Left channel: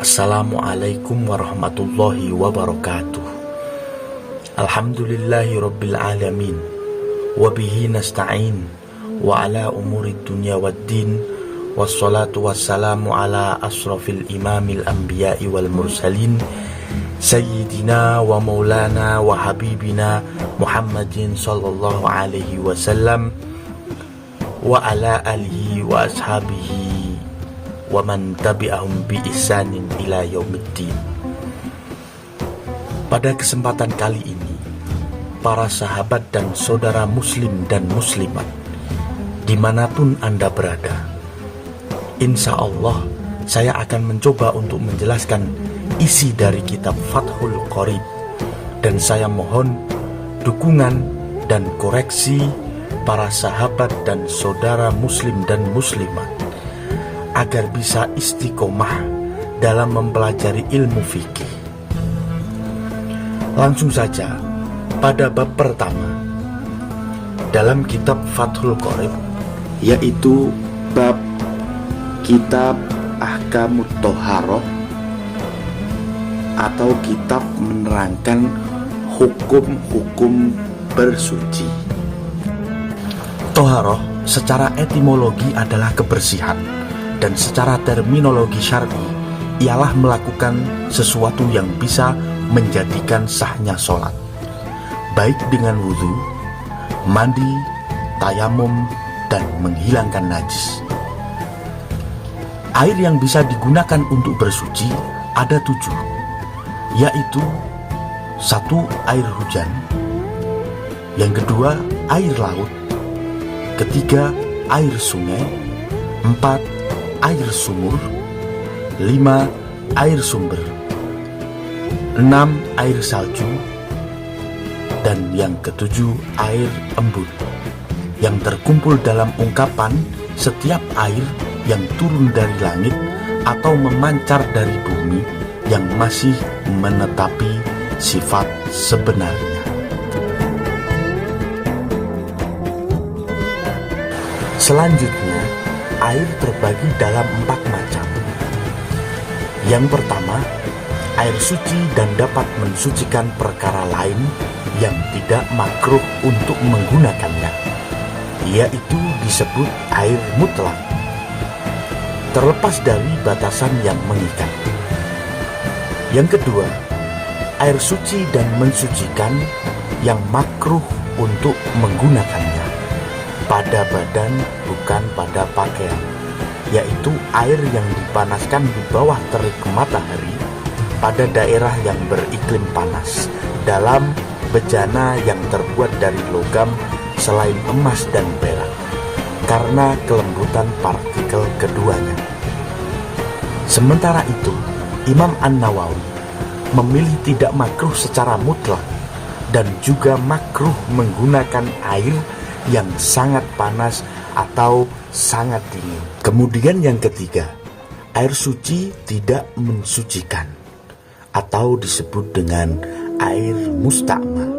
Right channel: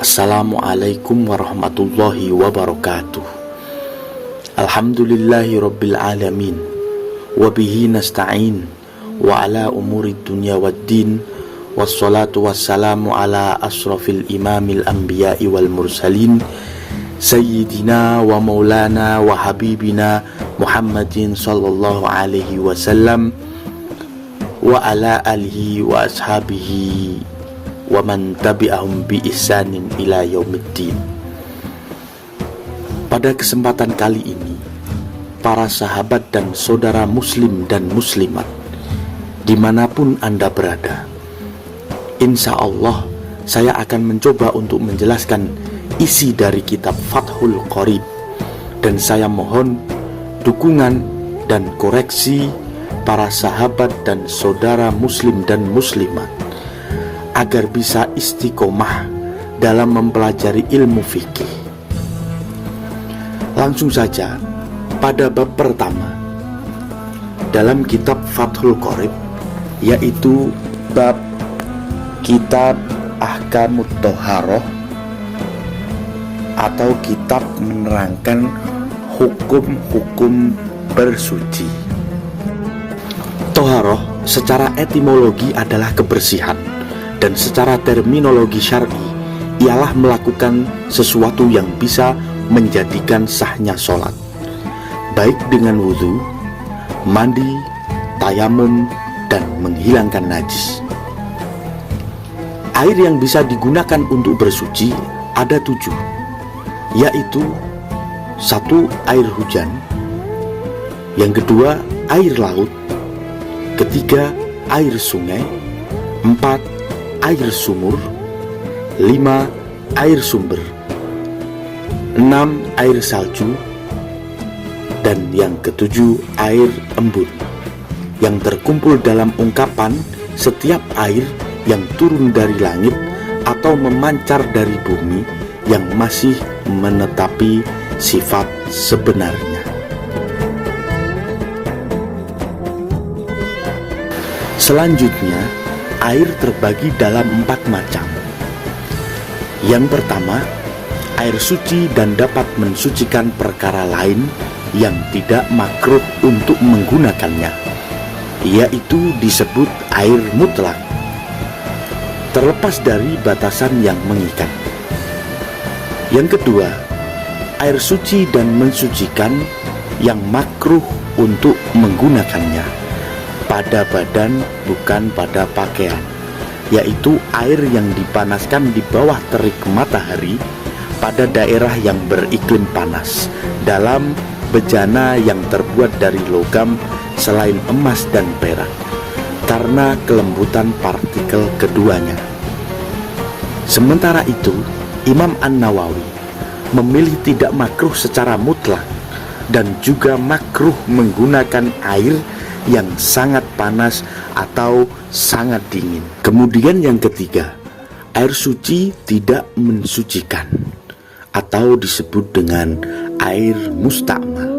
Assalamualaikum warahmatullahi wabarakatuh. Alhamdulillahi rabbil alamin. Wabihi nasta'in. Wa ala umuri dunya waddin. Wassalatu wassalamu ala asrafil imamil anbiya'i wal mursalin. Sayyidina wa maulana wa habibina Muhammadin sallallahu alaihi wasallam. Wa ala alihi wa ashabihi wa man tabi'ahum bi ihsanin ila yaumiddin. Pada kesempatan kali ini, para sahabat dan saudara muslim dan muslimat dimanapun Anda berada, insya Allah saya akan mencoba untuk menjelaskan isi dari kitab Fathul Qorib, dan saya mohon dukungan dan koreksi para sahabat dan saudara muslim dan muslimat agar bisa istiqomah dalam mempelajari ilmu fikih. Langsung saja pada bab pertama dalam kitab Fathul Qorib, yaitu bab kitab Ahkamut Thoharoh atau kitab menerangkan hukum-hukum bersuci. Thoharoh secara etimologi adalah kebersihan, dan secara terminologi syar'i ialah melakukan sesuatu yang bisa menjadikan sahnya sholat, baik dengan wudhu, mandi, tayamum, dan menghilangkan najis. Air yang bisa digunakan untuk bersuci ada 7, yaitu 1. Air hujan, yang kedua air laut, ketiga air sungai, 4. air sumur, 5. air sumber, 6. air salju, dan yang ke-7 air embun, yang terkumpul dalam ungkapan setiap air yang turun dari langit atau memancar dari bumi yang masih menetapi sifat sebenarnya. Selanjutnya, air terbagi dalam 4 macam. Yang pertama, air suci dan dapat mensucikan perkara lain yang tidak makruh untuk menggunakannya, yaitu disebut air mutlak, terlepas dari batasan yang mengikat. Yang kedua, air suci dan mensucikan yang makruh untuk menggunakannya, pada badan bukan pada pakaian, yaitu air yang dipanaskan di bawah terik matahari pada daerah yang beriklim panas, dalam bejana yang terbuat dari logam selain emas dan perak, karena kelembutan partikel keduanya. Sementara itu, Imam An-Nawawi memilih tidak makruh secara mutlak, dan juga makruh menggunakan air yang sangat panas atau sangat dingin. Kemudian yang ketiga, air suci tidak mensucikan atau disebut dengan air musta'mal,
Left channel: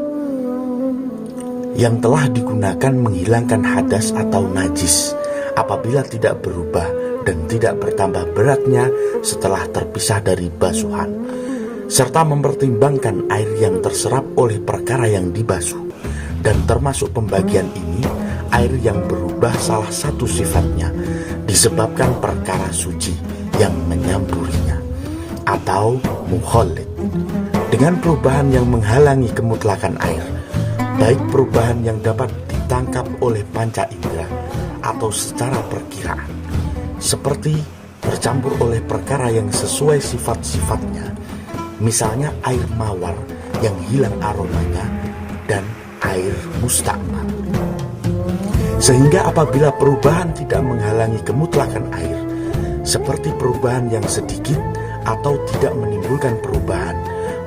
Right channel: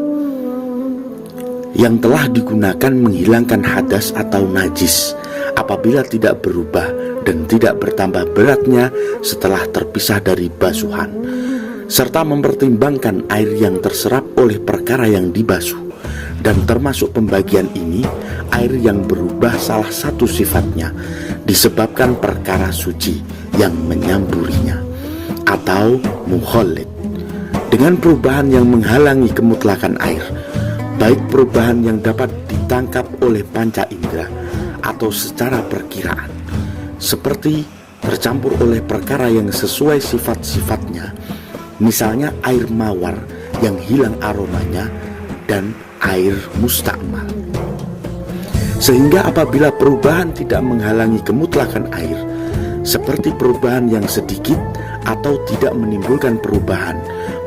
yang telah digunakan menghilangkan hadas atau najis apabila tidak berubah dan tidak bertambah beratnya setelah terpisah dari basuhan, serta mempertimbangkan air yang terserap oleh perkara yang dibasuh. Dan termasuk pembagian ini, air yang berubah salah satu sifatnya disebabkan perkara suci yang menyamburinya atau mukhalid, dengan perubahan yang menghalangi kemutlakan air, baik perubahan yang dapat ditangkap oleh panca indera atau secara perkiraan, seperti tercampur oleh perkara yang sesuai sifat-sifatnya, misalnya air mawar yang hilang aromanya, dan air musta'mal. Sehingga apabila perubahan tidak menghalangi kemutlakan air, seperti perubahan yang sedikit atau tidak menimbulkan perubahan,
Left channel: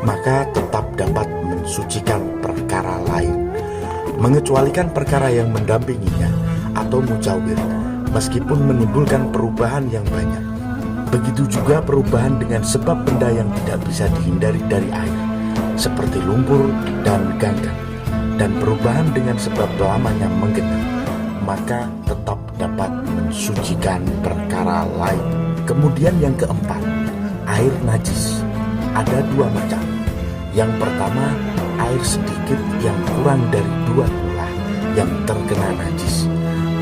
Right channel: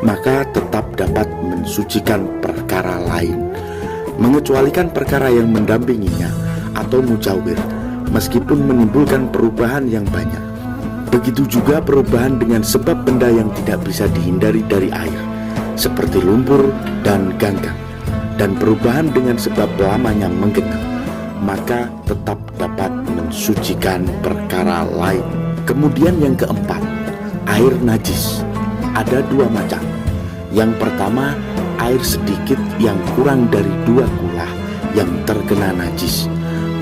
maka tetap dapat mensucikan perkara lain, mengecualikan perkara yang mendampinginya atau mujawir, meskipun menimbulkan perubahan yang banyak. Begitu juga perubahan dengan sebab benda yang tidak bisa dihindari dari air, seperti lumpur dan ganggang, dan perubahan dengan sebab lamanya menggenang, maka tetap dapat mensucikan perkara lain. Kemudian yang keempat, Air najis ada dua macam. Yang pertama, air sedikit yang kurang dari 2 kula yang terkena najis,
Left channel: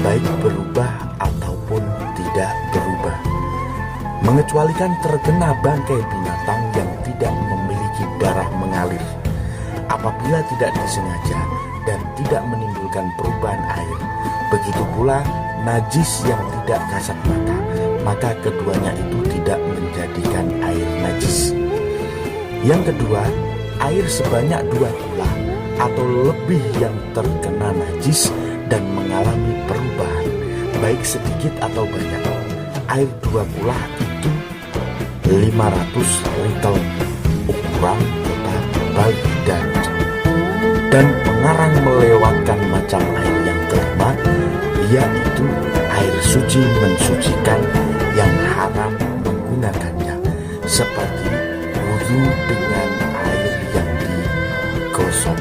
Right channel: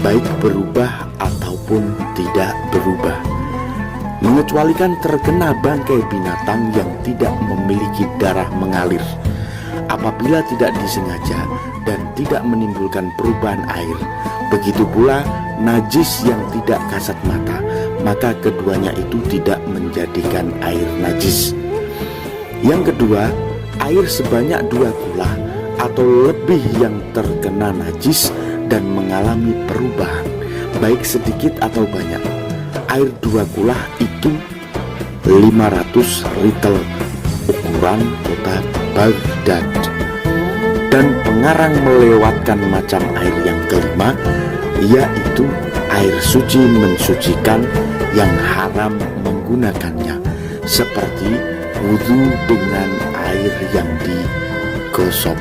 baik berubah ataupun tidak berubah, mengecualikan terkena bangkai binatang yang tidak memiliki darah mengalir. Apabila tidak disengaja dan tidak menimbulkan perubahan air, begitu pula najis yang tidak kasat mata, maka keduanya itu tidak menjadikan air najis. Yang kedua, air sebanyak 2 kula atau lebih yang terkena najis dan mengalami perubahan, baik sedikit atau banyak. Air 2 kula itu 500 liter ukuran kota Baghdad. Dan pengarang melewatkan macam air yang kelima, yaitu air suci mensucikan yang haram menggunakannya, seperti wudhu dengan air yang digosok.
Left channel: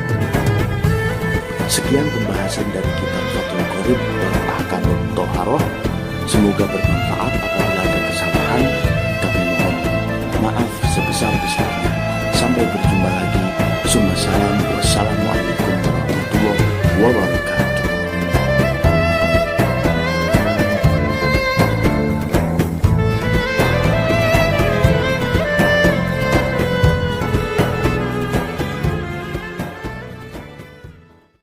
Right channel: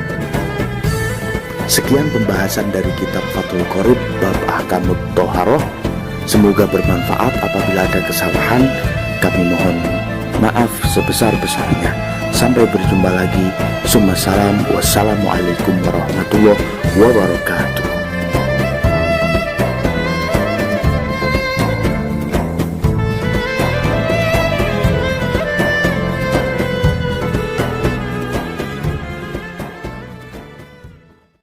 Sekian pembahasan dari kitab Fathul Qorib bab Ahkamut Thoharoh. Semoga bermanfaat. Apabila ada kesalahan, kami mohon maaf sebesar-besarnya. Sampai berjumpa lagi. Wassalamualaikum warahmatullahi wabarakatuh.